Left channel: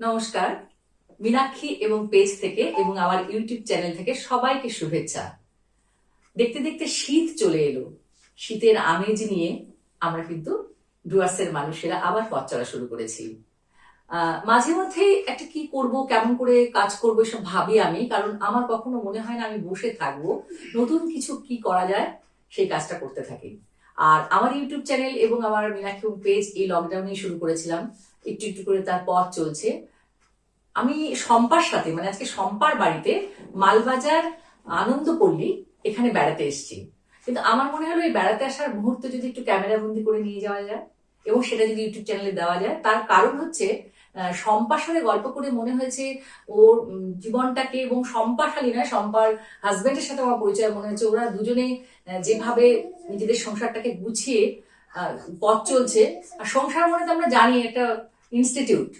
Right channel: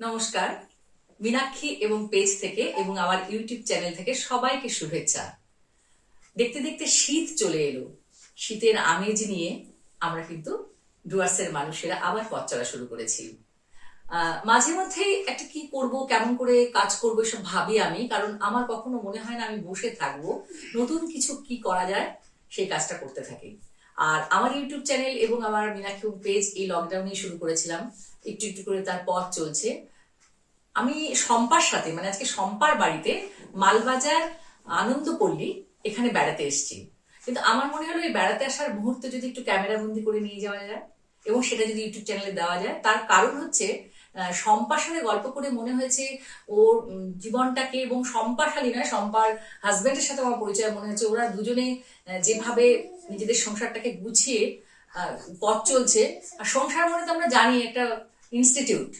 নমস্কার। মীনাক্ষী এবং পেজ থেকে এবং আমার ইউটিউব চ্যানেল থেকে সবাইকে শুভেচ্ছা। দেখতে দেখতে শীত চলে এলো। শীতের আমেজ নিয়ে আমরা কিন্তু ডুয়ার্সের মানুষেরা আবার পথ চলা শুরু করেছি। মাঝে মধ্যেই একটা কি করব, কেমন করে কাজ করবো এসব ভাবি আমি, কারণ আমার কখনো মনে হয় না আমি বসে থাকবো, নতুন কিছু কি করা যায় সেই কাজটা করতে থাকি। আর আমার ইউটিউব চ্যানেল এবং আমার মীনাক্ষী পেজ এই লকডাউনেই শুরু করেছিলাম, একটু একটু করে তার পথ চলছে। আমি শম্পার সাথে, মানে আজকে শম্পার বাড়িতে মালবাজার আনন্দপল্লী এখানে বেড়াতে এসেছি। কিন্তু আমার মনে হলো এই বেড়াতে আসার মুহূর্তে যদি একটু ক্যামেরা বন্দি করে নিয়ে যাওয়া যায় এবং সেটা যদি ইউটিউব চ্যানেলে দেওয়া যায়। তার কারণ হচ্ছে শম্পার সাথে গল্প করে মনে হয়েছে ওর জীবনটাকে, এবং শম্পা খালি নয়, শম্পার হাজবেন্ডের সাথে আমার পরিচয় মনে হচ্ছে ওরা দুজনে যেভাবে নিজেদের সংসারটাকে গুছিয়ে পথ চলছে। আর সংসার মানে তো আমরা জানি একটা ইনস্টিটিউট,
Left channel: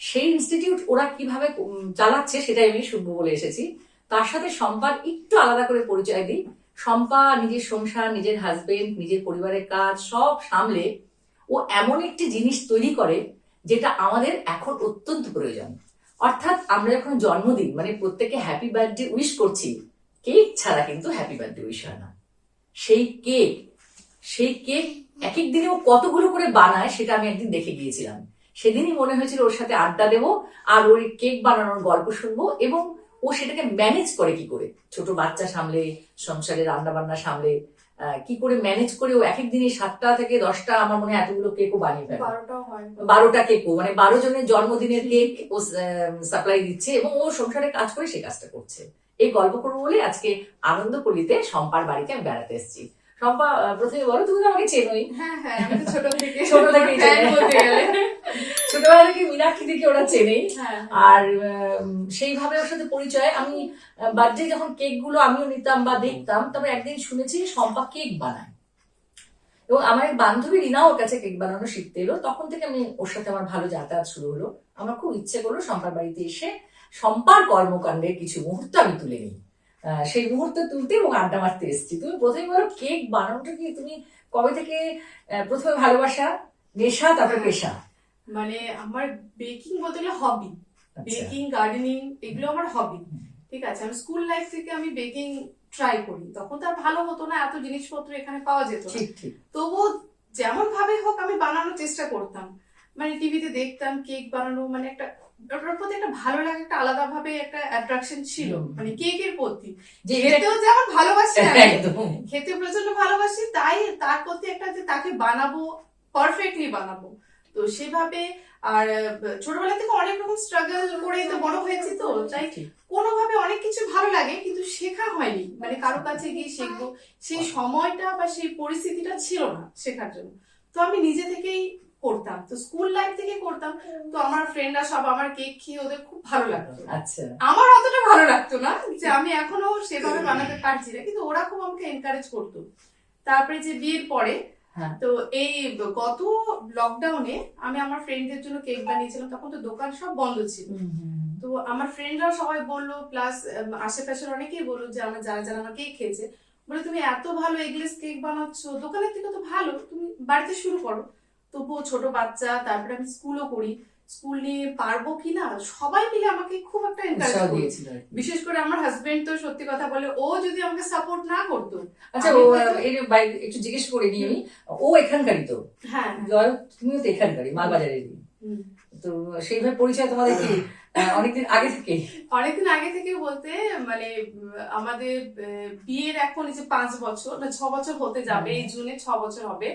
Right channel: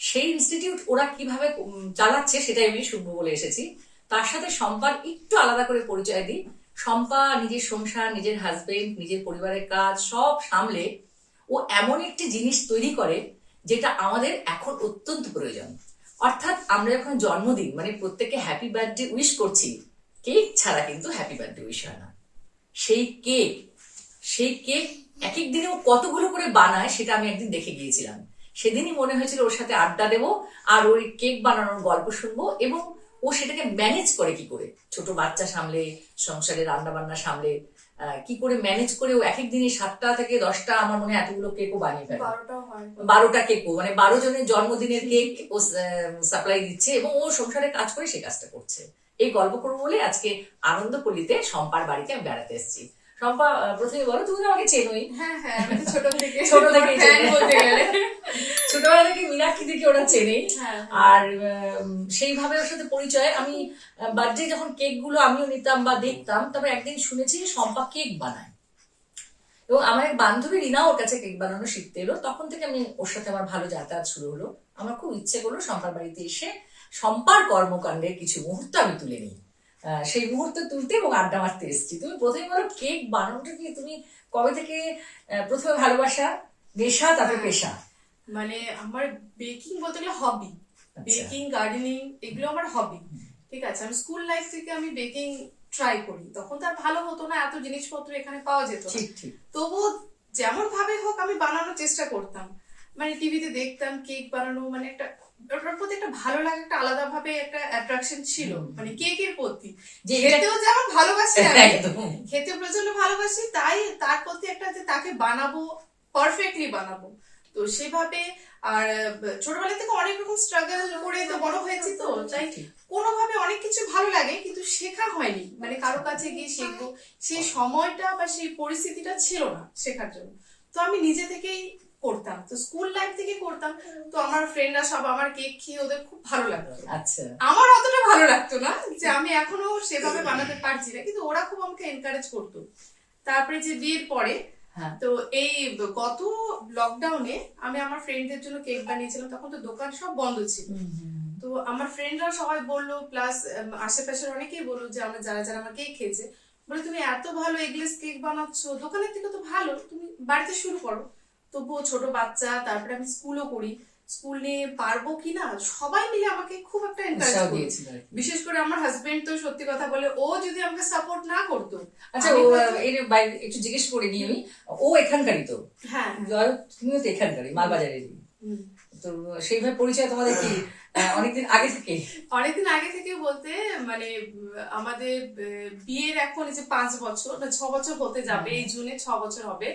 সেই ইনস্টিটিউট ওরা কিভাবে চালাচ্ছে সেটাই আমি শুনবো বলে এসেছি। তার সাথে শম্পার একটু আলাদা করে পরিচয় দিই। শম্পা নিজের সংসার, নিজের হাজবেন্ড, নিজের পরিবারের কাজ সব সামলে ও এমন একটি জিনিস তৈরি করে যেটা আমাদের এখন অত্যন্ত প্রয়োজন। অর্থাৎ আমরা যখন জন্মদিন মানে প্রত্যেকে হ্যাপি বার্থডে উইশ করছি, কেক ছাড়া কিন্তু হ্যাপি বার্থডে উইশ হয় না। সেই কেক এক এক দিনে ও কতগুলো করে বানায় সেটা আমি একদিন দেখে গিয়েছিলাম। সেদিনই মনে হয়েছিল ওর সাথে আড্ডা দেবো আর ওর কেক বানানোর গল্প শুনবো, এবং ও সেটাকে ম্যানেজ করে কি করে, ছোট বাচ্চা সামলে, সংসারে রান্না বান্না সামলে কি করে ম্যানেজ করে ও এক এক দিনে 7টা থেকে 10টা, আমার মনে হয় এতগুলো কেকও বানিয়ে ফেলে। 12টা কেকও, মানে 12 জনের জন্মদিনের কেক ও সাপ্লাই দিচ্ছে এবং ও সংসারে কাজ করে সে কাজটা করছে। এই গল্প করবো বলে আজকে আনন্দপল্লীতে শম্পার বাড়িতে আমি বেড়াতে এসেছি। শম্পা, প্রথমে বলো, তুমি তো আমাকে চেনোই। হ্যাঁ হ্যাঁ, আমি তো ছোট থেকে বলতে গেলে ছোটবেলা থেকে মীনাক্ষী থেকে ওরা চেনেই। আর সেইভাবে ওর সাথে পরিচয়। আমি বার্থডে যখন কেক গুলো আমিও নিতাম বা দেখতাম, তারপর একদিন শুনেছি শম্পা কেক বানায়, এবং আমার এক বান্ধবী রিনা ওর কাছে কেক বানানো শিখতে এলো। তখন থেকে আমি ওর সাথে আমার ভালো যাতায়াত শুরু হলো। আমার খুব ইচ্ছে করলো শম্পার বাড়িতে এসে শম্পার কর্মকাণ্ডের কিছু মুহূর্ত আমি তুলে নিই, সেই মুহূর্তে তুলতে এবং আড্ডা মারতে এসেছি। তুমি প্রথমে বলো, কেক বানানোটা কি তুমি কবে থেকে প্রথমে ভালোবাসা, নেশা, তারপরে পেশা? মানে আমার বেকিং বলতে গেলে হবি, বেকিং, গার্ডেনিং এগুলো আমার হবি। ঠিক আছে, আমি স্কুল লাইফ থেকে আমি বেকিং ট্রাই করি। তখন তো আর ভালো হতো না, এত জিনিসপত্র এখানে পাওয়া যেত না, তবুও যেমন ভাবে হোক আমি বানানোর চেষ্টা করতাম। মানে টিভিতে দেখতাম কেক বানানো, মানে একটা ওটার প্রতি একটা ভালো লাগে, একটা আলাদা ভাবে একটা অ্যাট্রাকশন ছিল মানে কেকের প্রতি। খেতেও যেমন ভালোবাসি, খেতে প্রচন্ড ভালোবাসি, তাই তার প্রতি একটা যে তাকে বানাবো, পারফেক্টলি বানাবো, তো সেভাবে। আর ছোটবেলা থেকে অনেক রকম স্ট্রাগল করে তো বড় হয়েছি, তো তাই কোনোভাবে অনেক কিছু ভালো লাগে কিন্তু শেখা হয়নি, মানে কারো কাছে গিয়ে শিখবো সেই সময়টা বা সেই পরিস্থিতিটা ছিল না শেখার জন্য। তো আমি নিজে থেকেই করতাম, তো স্কুল লাইফ থেকে করতাম। তো আমার ফ্রেন্ডরা সব আমার কেক খেয়ে ওদের খুব ভালো লাগতো। আচ্ছা, আমার অতটা ভালো লাগতো না, যে আমি এখনো সেভাবে বানাতে পারছি না, কিন্তু ওরা খুব আমাকে এনকারেজ করতো। তারপরে যে বিয়ের পরে, তো এই গত লকডাউনে আমি আমার ফ্রেন্ডদের জন্য কেক বানিয়েছিলাম। তখন তো দোকান সব বন্ধ ছিল, তো আমার ফ্রেন্ডরা সবাই বললো, প্লাস আশেপাশের অনেকেই বললো যে আমরা যারা যারা আমার কেক খেয়েছে, বলে তুমি এত ভালো এগলেস কেক বানাচ্ছ, দোকানের থেকে তো ভালো, তুমি বাড়িতে শুরু করো। তবুও ছোট বাচ্চা, তারপরে আমি স্কুলও করি, স্কুল নিয়ে পারবো কিনা সবাই মিলে আমাকে খুব একটা এনকারেজ করেছিল। বিশেষ করে আমার হাজবেন্ড তো সত্যি কথা বলে, ও যদি আমাকে সাপোর্ট না করতো। আচ্ছা, ও একটু জিজ্ঞেস করে নিই আমি, ও এখানকারই তো? হ্যাঁ, তুমিও তো এখানকারই, মালবাজারের। তো সেইভাবে পরিচয় তোমাদের কি অনেকদিন আগে থেকে বলতে মানে আমাদের বিয়ের এখন এই যে 5 বছর বা 6 বছর হতে যাবে, এই জুনে 6 বছর হবে।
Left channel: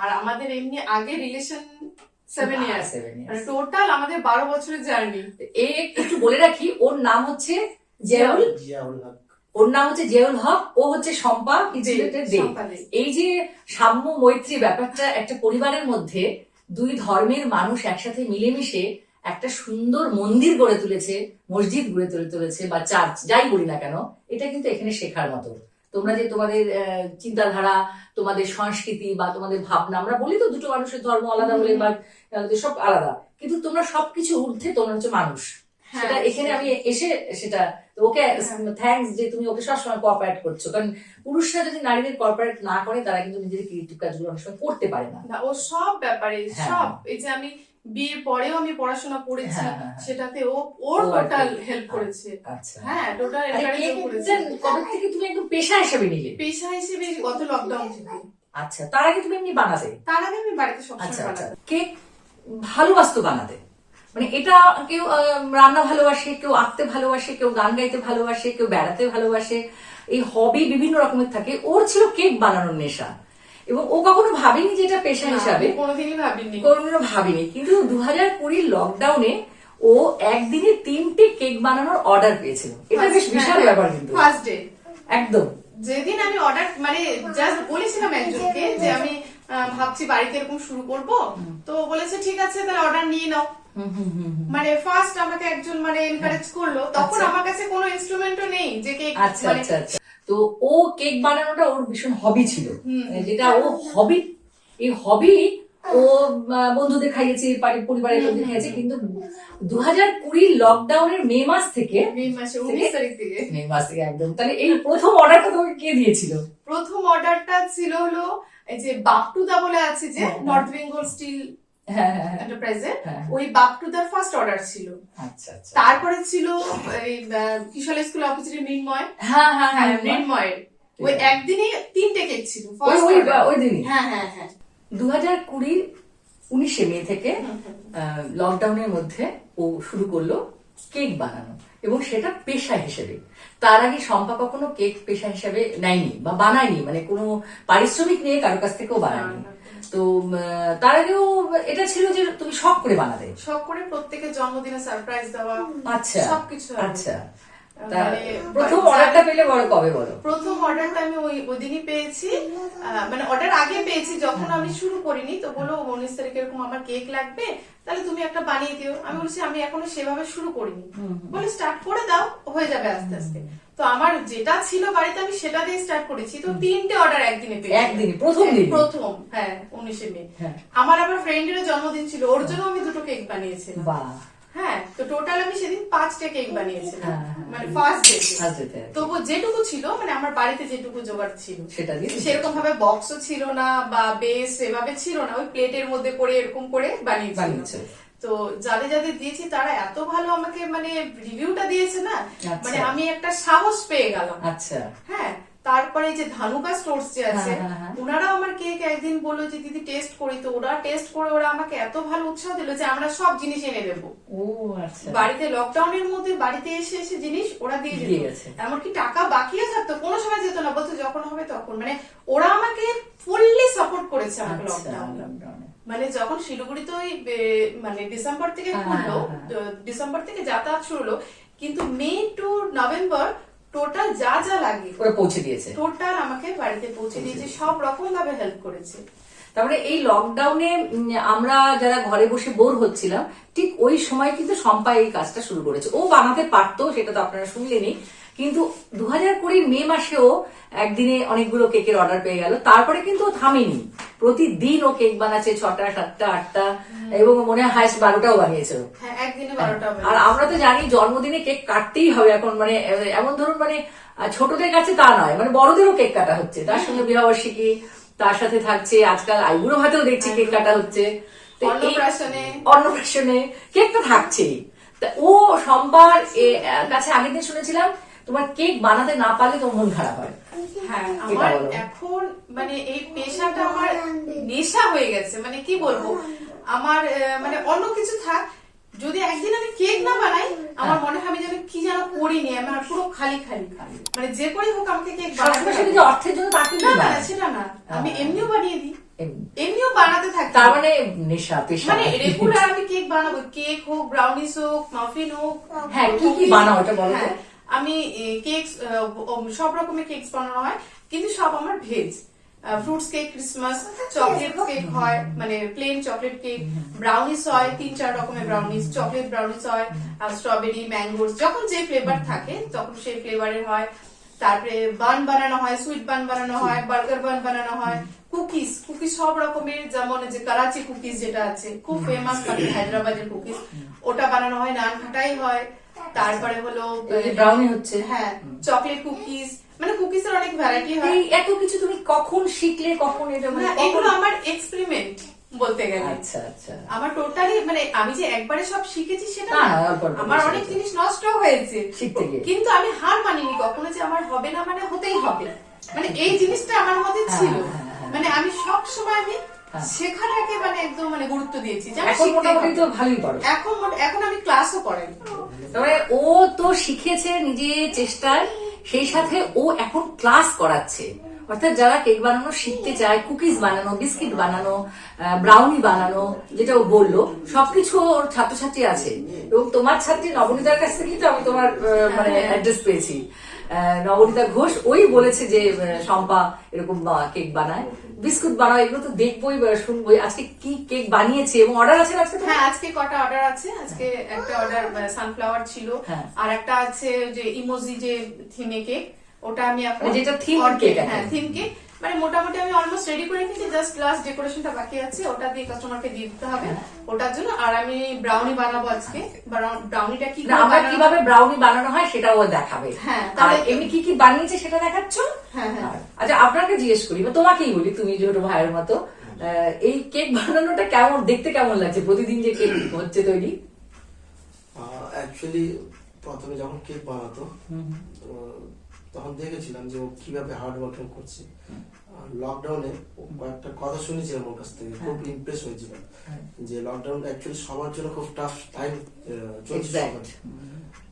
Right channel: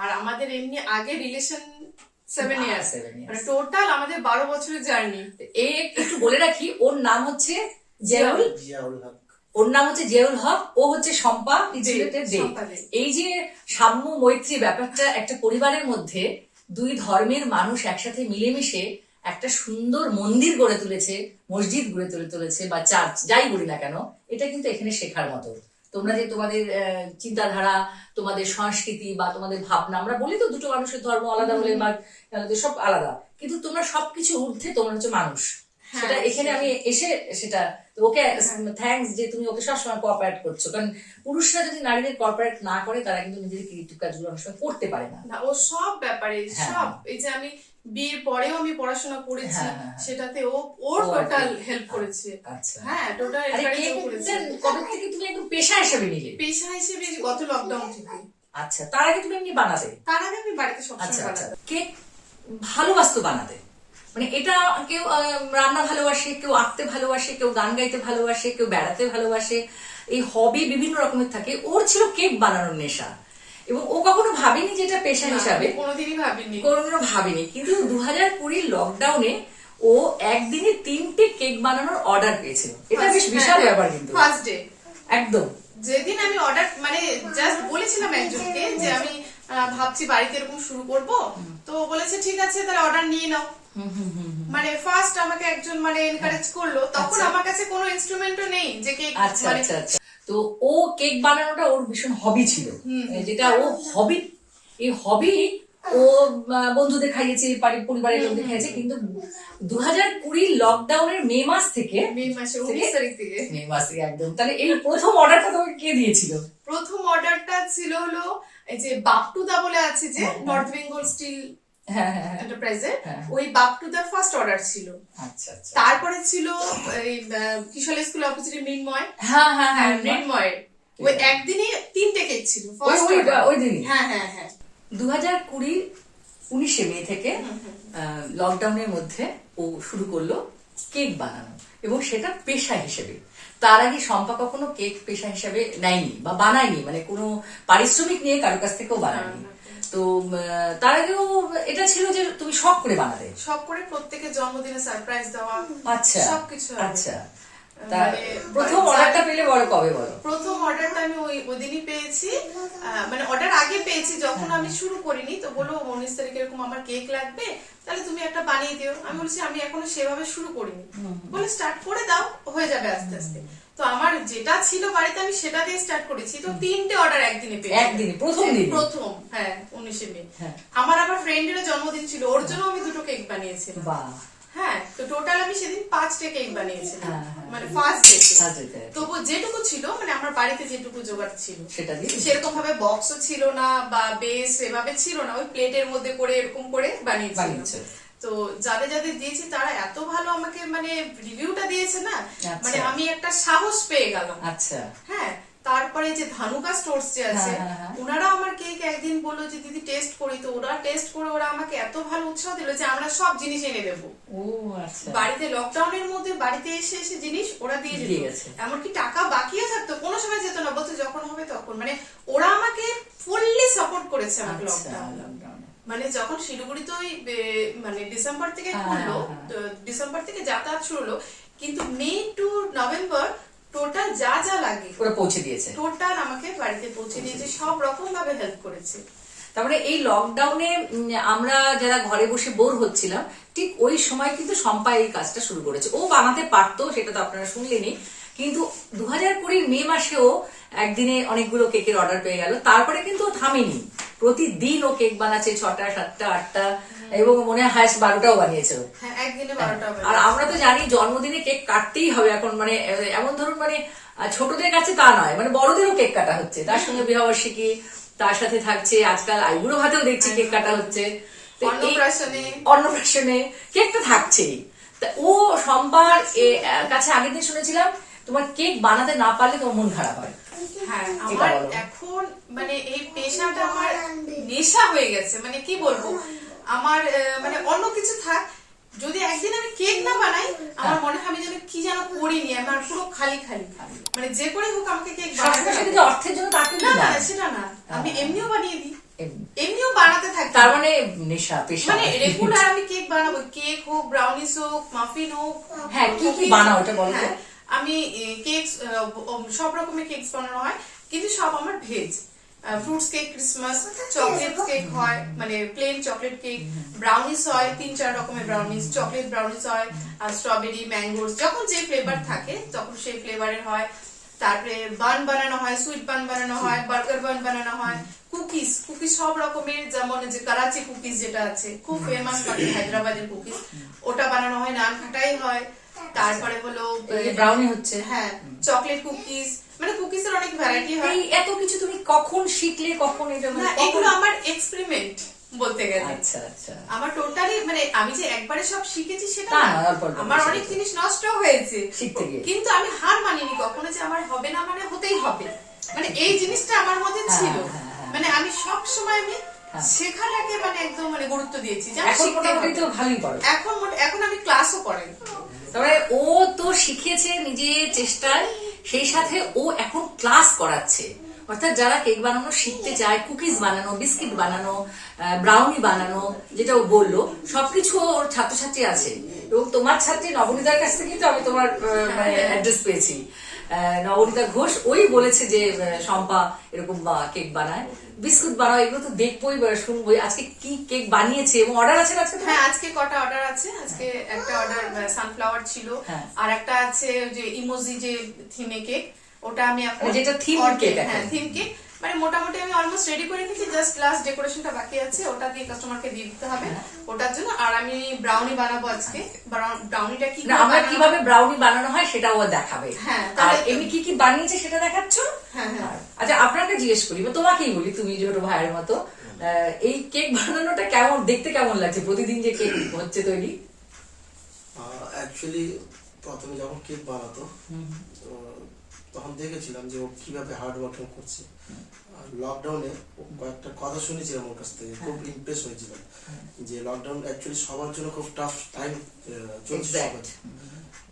আর আমাদের এমনি আগে রিলেশন 7 ইয়ার্স, মানে টোটাল আমাদের 12 বছরের জার্নি। এই একটু বলে রাখি, ওর নাম হচ্ছে জিয়াউল হক। ওর নাম হচ্ছে জিয়াউল হক, ও হচ্ছে শম্পা। এই যে সাম্য মৈত্রী ব্যাপারটা একটা পরিবারের মধ্যে, দুই ধর্মের মানুষ একসাথে মিলেমিশে একটা সুন্দর মন্দির গড়ে তুলেছে, মসজিদ গড়ে তুলেছে, বা চার্চ যাই বলি না কেন, এটা কিন্তু এখানে শেখার মতো। তোমরা যে তোমাদের চিন্তাধারা, তোমাদের সংস্কৃতি বা তোমাদের ভাবনা, আমরা বলি তো দুটো মানুষের ধর্ম আলাদা হলে বা সব আলাদা, কিন্তু তোমরা সবকিছু ঊর্ধ্বে তোমরা হচ্ছে মানুষ। সেটা এখানে আমি এসে সেটা ওকে থ্যাঙ্কস যে তুমি ওকে সবসময় কোঅপারেট করছো, কারণ পুরুষরা যদি নারীদের কোঅপারেট না করে তারা কিন্তু নিজেদের ক্রিয়েটিভ কাজগুলো অনেক সময় করতে পারে না। ও সব ব্যাপারে সব, এই যে আমি বিয়ের পরেও আমি পড়াশোনা করেছি, হ্যাঁ, হ্যাঁ, হ্যাঁ। সেটাতে ওর ও টোটাল আর কি। হেল্প করেছে। আচ্ছা। হ্যাঁ, টোটাল আরে এনকারেজ কেক করেছে। কবে থেকে তুমি একদম পেশা হিসেবে নিলে? পেশা হিসেবে গত লকডাউন থেকে। আচ্ছা, তার আগে তুমি এমনি বানাতে? তার আগে আমি বাড়িতে সবসময় আচ্ছা আচ্ছা। বানাতাম। কেক ভালোবাসতো বানাতে, মানে এটা কেউ রান্না ভালোবাসে, কেউ আঁকতে ভালোবাসে, কেউ গান গাইতে ভালোবাসে, কেউ বেড়াতে ভালোবাসে, এই হবি বিভিন্ন রকমের থাকে। ওর ছিল কেক বানানোর নেশা, এবং ও কখনো ভাবেনি যে এটা পেশা হিসাবে, কোনোদিনই ভাবিনি। কোনো ভাবিনি। কিন্তু 2020 লকডাউনে ও একদিনে 3টে কেক বানানোর অর্ডার পেয়েছিল। এটা বেশ বিশাল ব্যাপার কিন্তু। ফার্স্ট ডে একদম যেদিন আমি অর্ডার মানে জাস্ট বলেছিলাম একজনকে যে আমি ভাবছি বাড়িতে এরকম শুরু করব, তো বলেছে ঠিক আছে তাহলে অর্ডার নিয়ে নাও। মানে ফার্স্ট আমাকে একজন মানে এনকারেজ করলো, তখন আমার কাছে কোনো ইনস্ট্রুমেন্টও নেই যে কেক আচ্ছা আচ্ছা আচ্ছা। তো ও কেক বানানোটা ওর ভীষণ হবি ছিল, যেটা ও হবি, এই হবি ও বন্ধুদের খাইয়েছে, পরিবারের লোকদের খাইয়েছে। কিন্তু 2020 লকডাউনের মে মাস থেকে, মে মাসে 19 তারিখ থেকে, মে মাস থেকে একদম, তাহলে এই প্রথম অর্ডারটা তোমাকে কে দিয়েছিল? প্রথম অর্ডারটা ছিল হলো এই যে বাপটুদা বলে আছে যে নর্থ বেঙ্গল স্টিল এন্টারপ্রাইজের, ওই বাপটুদার ফার্স্ট অর্ডার ছিল। আচ্ছা আচ্ছা। তারপরে ছিল এই কিশোর স্কুল অপোজিটে মৃন্ময়, হ্যাঁ হ্যাঁ হ্যাঁ, মৃন্ময়ের ওই একদিনে 3টে কেক ছিল ওই দিন। হ্যাঁ হ্যাঁ হ্যাঁ। 2020 19 মে থেকে লকডাউনের মধ্যে ও শুরু করলো কেক বানানো, এবং সেটা পেশা হিসেবে। তার আগে শম্পা কখনো কেক পেশা হিসেবে নেয়নি বা বানায়নি, মানে কোনো পারিশ্রমিক নিয়ে কারোর কাছ থেকেও বানায়নি। তো তার আগেও এটা ছিল যে তুমি শখ করে বানাতে, শখ করে প্রত্যেকের জন্মদিনে সারপ্রাইজ দেওয়া, আচ্ছা সবকিছু। আচ্ছা, প্রথম অর্ডারটা পেলে বলো কবে? বলো। প্রথম অর্ডারটা আমি ওই দিনই পেয়েছি, মানে অর্ডার আগে পেয়েছি যখন আমি শুরু করিনি। তো বলো 19 তারিখে এরকম আমার কেক লাগবে, তাহলে তুমি একটা বানিয়ে দিও। আমি বলছি আমি এখনো সেভাবে শুরু করিনি, বলে স্টার্ট করে দাও, হয়ে যাবে আস্তে আস্তে। তো আমার যেটা ছিল বাড়িতে আমি সেটা দিয়ে স্টার্ট করেছি। তো 3টে অর্ডার একদিনে পেয়েছি, একদিনে প্রথম দিন, প্রথম। হ্যাঁ, 19 মে। আমার আবার ফ্রেন্ডের জন্মদিন ছিল, ওর জন্য আমি 2টো কেক বানিয়েছিলাম। বাহ। হ্যাঁ, তো টোটাল আমি সেদিন 5টে কেক বানিয়েছিলাম, মানে ফার্স্ট ডে। তবু যেটুকু ছিল মানে আমার বাড়িতে যেটুকু জোগাড় ছিল সেটা দিয়ে, সেরকম সেরকম ভাবে বক্সও ছিল না বা বেস এভাবে ছিল না, ওই প্লেটের মধ্যে করে এরকম করে বানিয়েছি। তো যাদের যাদের দিয়েছি তারা এত ভালো আমাকে মানে রিভিউটা দিয়েছে না, মানে আমি একটা সাহস পেয়ে গেলাম। আচ্ছা। হ্যাঁ, তারপরে যে ধানুকা স্টোরস যে আছে, ওনারা আমার কেক একদিন বললো যে দিদি টেস্ট করি। তো ওরা টেস্ট করে ওরা আমাকে এত ভালো উৎসাহ দিল যে আমরা সব জিনিস এনে দেবো। ও আচ্ছা। বাড়িতে লকডাউনের মধ্যে বাড়িতে এসে এসে জিনিস ওরা দিয়ে দিয়েছে, এমনকি টাকা বাকিও থাকতো, কোনো সময় যেত না, বলতো যখন হবে তখন। মানে ওরা আমাকে ফুললি সাপোর্ট করেছে আমাকে লকডাউনে। মানে যখন শিলিগুড়িতে ওই মানে ডিসেম্বর থেকে খুললো, ডিসেম্বর থেকে যাতায়াত শুরু হলো, কিন্তু মে টু নভেম্বর টোটাল যা যা লাগে ওরা পৌঁছে দিয়েছে, টোটাল আমাকে বাড়িতে পৌঁছে দিয়েছে, সব রকম ভাবে হেল্প করেছে। তারপরে এই লকডাউনে আমরা যারা ঘরে বসে বোর হচ্ছিলাম, ঠিক ওই সময় কিন্তু শম্পা এই কাজটা শুরু করেছে। ও বানাতে পারতো, সেটা তো আপনারা শুনলেনই, কিন্তু 2020 মে মাসেও একদিনে অনেকগুলো কেকের অর্ডার পেয়ে গেল। তারপরে কিন্তু ও থামেনি, প্রতিদিন ও কেক বানাচ্ছে, 6টা 7টা 8টা, এবং মনে হয় হাইস্ট 12টাও বানিয়েছে। হ্যাঁ, একদিনে 12টা। আর আমরা তো জানি জন্মদিনে কেক কাটতেই হবে এখন, মানে এমন ধরুন মানে ছোটদের কাছে তা নয়, মানে বড়দেরও কেক কাটা হচ্ছে, তার সঙ্গে বিবাহবার্ষিকী, তার সাথে থাকছে আজকাল আইবুড়ো ভাতেও দেখছি কেক কাটা হচ্ছে, অন্নপ্রাশনে কেক তো থাকছেই। ও শম্পার কাছে আগের দিন শুনেছিলাম তোমার কেক বানাতে না পারলে তোমার মন খারাপ হয়। হ্যাঁ, আমার এখন মানে এই পেশাটা আমার নেশা হয়ে গেছে। মানে কি বলবো, আমার মানে অন্য কিছু থাক, যদি একদিন আমি কেক না বানাই আমার মনে হয় আমি যেন কি যেন করিনি, আমার পুরো খালি খালি। মানে যে করেই হোক আমাকে কেক বানাতে হবে। অর্থের জন্য না, সেটা না, আমি এমনিও বানিয়ে দিই, এমনিও বানাতে থাকি। তার মানে নেশা, পেশা। মানে রেগুলার আমি কেক বানাবো, কেক হোক, ব্রাউনিস হোক, মাফিন হোক। হ্যাঁ, কি কি বানাও ওটা বলো তো? আমি কেক সব রকমের কেক বানানো হয়, কিন্তু সব আমার veg. Fruits cake, Christmas, chocolate cake হয়, মানে প্লেন চকলেট কেক, ব্রাউনিস হয় 3-4 রকমের ব্রাউনিস, চকলেট ব্রাউনিস হয়, আর স্ট্রবেরি, ম্যাঙ্গোস, যখন যে ফ্লেভার থাকে তখন সেই ফ্লেভারের হয়। তারপরে বান বানানো হয়, সুইট বান বানানো হয়, বার্গার বান বানানো হয়, কুকিজ সব রকমের, যেমন যে করাচি কুকিজ যেটা আছে খুব ফেমাস, হায়দ্রাবাদের কুকিজ, ওটা বানানো হয়, নান খাটাই হয়। তারপরে হলো ব্রাউনি হচ্ছে, হ্যাঁ, চকলেট কুকিজ, মানে কুকিজের অনেক ভ্যারাইটি হয়। এত কিছু তুমি কখন শিখলে, কখন এটা? এগুলো আমার এক্সপেরিমেন্ট, বলতে গেলে। আচ্ছা আচ্ছা। আমার টোটালি মানে আমি যে একবারে সব শিখেছি সেটা না, না, অল্প অল্প আমার করে অনেক শিখেছি। জিনিস নষ্ট হয়েছে শিখতে গিয়ে। কিন্তু আমি হার মানিনি কখনো যে আমার হবে না মানে হতেই হবে, মানে এই জিনিসটা আমার মধ্যে হ্যাঁ, ছিল। হ্যাঁ, হ্যাঁ। মানে আমি সব সময় আমি হ্যাঁ। শেখাটাকে মানে একদম মানে গুরুত্ব দিয়েছি যে আমি এখন শিখতে মোটামুটি হবে। তো ভালোই পারো। এখন আমি ক্লাসও করাই। তারপরে ও তো শিখেছে নিজের চেষ্টায়, সেই সাথে ও এখন ক্লাস করাচ্ছে। অর্থাৎ যারা কেক বানানো শিখতে চায়, কুকিজ বানানো, বিস্কিট বানানো, ব্রাউনি বানানো, যেটা ও বললো, সবকিছু ওর ছাত্রছাত্রী আছে। এবং তোমার ছাত্রী নবনীতার কাছ থেকে কিন্তু আমি তোমার মানে অ্যাড্রেস পেয়েছি। নবনীতা ঘোষ ওই বলেছে যে শম্পা এরকম কেক বানায়, বিস্কুট বানায়, এগুলো তো দেখবোই শুনবোই। আজকে কি কেক বানিয়েছে এবং অর্ডার আছে আজকে? হ্যাঁ, আজকে কটা অর্ডার আছে। আজকে একটা অর্ডার সানফ্লাওয়ার ছিল, হ্যাঁ। আর একটা আছে যে ইমোজি যে থিমে কেক, ওটা আমি এখন যেটা থিম কেক। হ্যাঁ, থিম কেক মানে মোটামুটি আমি অলমোস্ট রেডি করে নিয়েছি, জাস্ট লাস্ট ডেকোরেশনটা বাকি আছে, ওটা দিয়ে কাস্টমারকে দিয়ে দিতে হবে ওটার জন্য। আর আমি ব্রাউনি বানাবো আজকে। ব্রাউনিটা কি আমরা কিভাবে ব্রাউনি বানানো হয় সেটা ও দেখাবে। হ্যাঁ, আর তাহলে এমনি কি কি বানিয়েছে সেটা দেখাচ্ছ। হ্যাঁ হ্যাঁ। আচ্ছা, আপনাকে জিজ্ঞেস করি বা তোমাকেই বলি, তুমি যেহেতু ভাইয়ের মতো, এই কেক বানানোটা কেমন দেখতে, কেমন লাগছে প্রতিদিন যে কেক হচ্ছে তৈরি? অ্যাকচুয়ালি প্রথমে যখন কেক বানাতো তখন দেখেছিলাম যে ও কিভাবে হার্ড ওয়ার্কিং করছে। লকডাউনে কয়েকটা কথা শুনেছিলাম ওর কাছ থেকে, খুব ইমপ্রেস হয়েছিলাম যে লকডাউন অ্যাকচুয়ালি সবার জন্য খুব টাফ টাইম চলছে।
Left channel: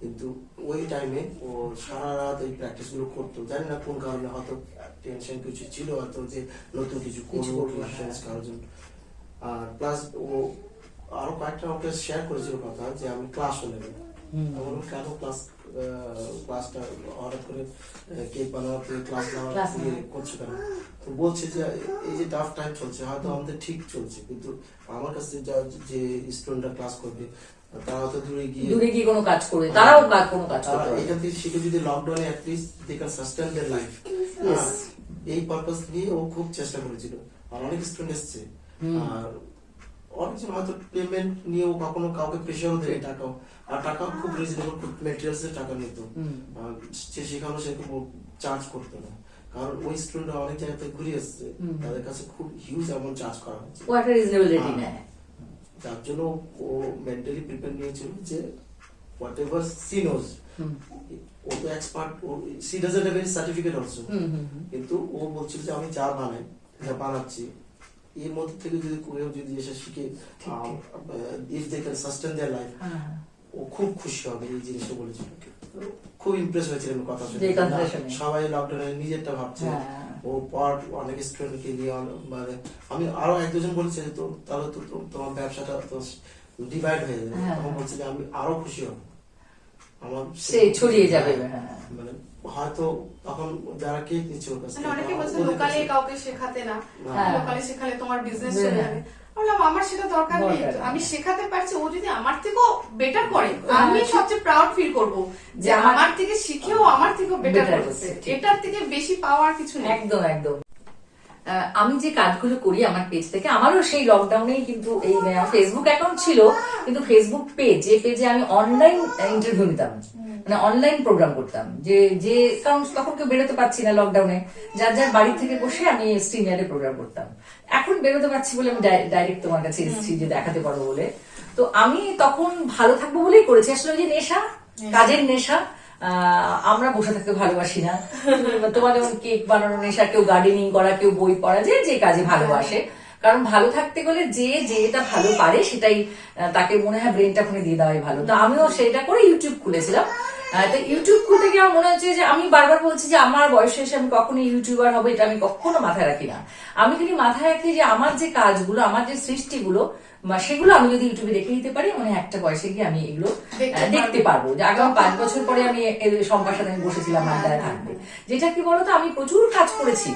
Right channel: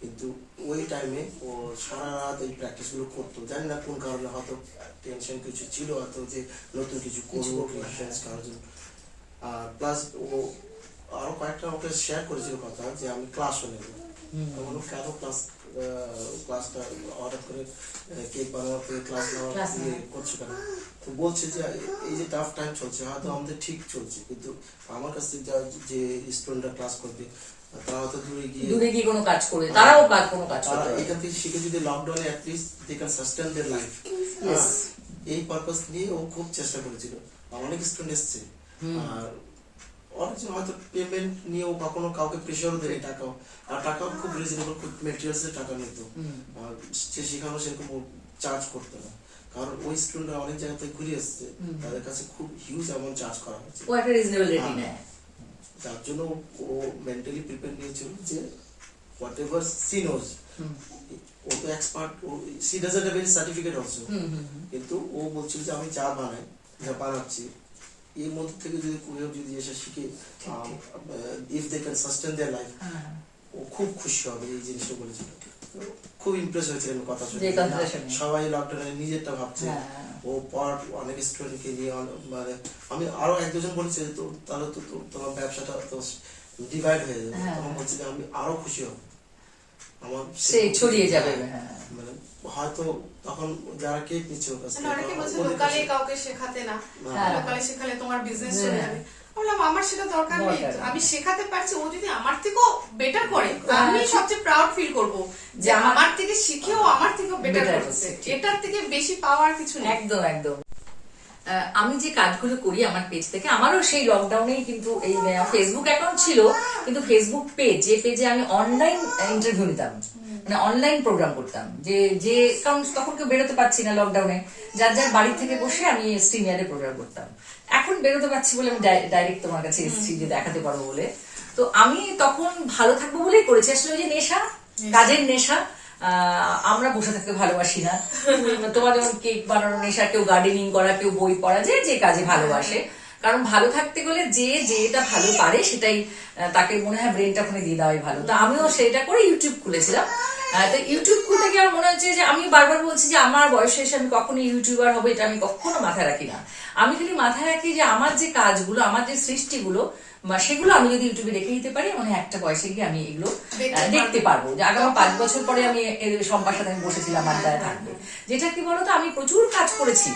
কিন্তু ওই টাইমে ও সারা রাত ওই প্র্যাকটিস গুলো করতো, জানি না কোন কারণে, হয়তো টেনশন কিছু ছিল, হয়তো যে নতুন কিছু করবো কারোর জন্য। আর প্লাস ও আরো কয়েকটা ওকে শেয়ার করেছিল কথা যে আমি ক্লাসও নেব। আমার কেন ক্লাসটা হঠাৎ করে কেক বানাতে ক্লাস নেওয়া করছো কেন? তো বলছে যে এই যে টাফ টাইম চলছে, হয়তো আমাদের ঠিক চলছে, কিন্তু আমার কাছে যে স্টুডেন্টরা ক্লাস করবে তারা তো দূরে গিয়ে কোনো কাজ করবে, তারাও কোনো কাজ তারা করবে। এখান থেকে শিখে যদি লকডাউনে at least they can sustain their life, এই পারপাস নিয়ে ও খুব চেষ্টা করেছিল। আর অনেক স্টুডেন্ট এসছে, আর অনেকজন হয়তো পেমেন্ট নিয়েও কখনো কাউকে প্রেশারও দেবে টাকাও, আর টাকাও খুব রিজনেবল, খুব মেটেরিয়ালস এর টাকা নিত, সে শেখানো সেরকম চার্জ করতো না, কারণ ওই স্টুডেন্টরা অনেক জায়গা থেকে ঘুরে এসছে, তাদের কাছে খুব হিউজ অ্যামাউন্ট চার্জ করা হচ্ছে। ও একটা রিজনেবল রেটই নেয়। যার জন্য ও মেন্টালি প্রিপেয়ার নিয়েছিল যে হোয়াট এভার সি নোজ, ও তো expert, she doesn't have any certificate also, কিন্তু ও বলছিল যে আমি যা বানাই, যা বানাচ্ছি, এর মধ্যে থেকে যদি কেউ যদি এসে শিখে, if they can sustain their life, ও খুব খুশি হবে। এই জিনিসটা বলেছিল, খুব ইমপ্রেস হয়েছিল আমি কথা শুনে। সবাই লকডাউনে নিজেরটা ভাবছে, ও পর অনেক স্টুডেন্টকে নিয়ে, মানে আমি আরো এক দুজন বলছে তো তাহলে তো তোমার ব্যবসাটা তো ডিভাইড হয়ে যাবে, তখন বলছে যে আমি আরো খুশি হব, আমার সেই ছড়িয়ে যাবে। মানে হয়তো তখন যারা কেক নিচ্ছে ওর কাছে, অনেকে বলছে লোকালে কাউকে শেখাতে না, লোকালে শেখালে তোমার বিজনেস চলে যাবে। বললাম আমার সেটা দরকার নেই, আমি শেখাতে পারছি, ও যদি আমার থেকেও বেটার করে আমি সবচেয়ে প্রাউড ফিল করব যে আমার থেকে শিখেও আমার থেকেও বেটার করছে, এটার থেকে বেশি পাওয়ার কিছু নেই। একদম একদম। আমি যে কাজগুলো করি আমার পেজ থেকে, আমারও সেই লকডাউনেই কিন্তু এই ফেসবুক অ্যাকাউন্ট ছিল, কিন্তু ফেসবুক পেজ, যে পেজে আমি অনলাইন ইন্টারভিউ নিতাম, মানে অনলাইন প্রোগ্রাম করতাম, যে কারণ তখন কেউ বেরোতে পারছি না লকডাউনে, যার যার বাড়ি থেকে বসে আমি স্ট্রিমিয়ারে প্রোগ্রাম করতাম। এখন বেরোতে পারছি বলে আমি ডাইরেক্ট তোমার কাছে এসেছি যে দেখাতে পারবো বলে। তো আমি তখন ভালো থাকবো বলেই করেছি, আসলে ওই যে নেশা, কাজের নেশা। আমরা বসে থাকতে ভালোবাসি না, তোমার যেমন কেক বানানোর নেশা, কেউ গার্ডেনিং করা, কেউ বই পড়া, যে কাজে ভালোবাসে। কারণ ভালো থাকতে গেলে যেটা ভালো পারে সেটাই তাকে মনে হয় ব্রেনটা ফোনে দিয়ে দেওয়াই ভালো। তো আমিও সেটা করে ইউটিউব খুলেছিলাম। তো ইউটিউব খুলতে গিয়ে আমার মনে হচ্ছে যে আমি বারবার বলছি যে আমার বয়সে এসে আমি কখনো ইউটিউবার হবো, এটা আমি কখনো মাথায় রাখি না। আমি খালি মাথায় রাখি যে আমার যে কাজগুলো, আমার যে সৃষ্টিগুলো, সেগুলো আমি যদি ইউটিউবে রেখে দিতে পারি, মানে একটা বয়সে গিয়ে আমি এগুলো দেখতে পারবো, যে আগামী 5 বছর পরে আমি সম্পার সাথে আমি বসেছিলাম, আড্ডায় থাকবে। যেটা কি বলতো, আমি প্রচুর কাজ করেছি,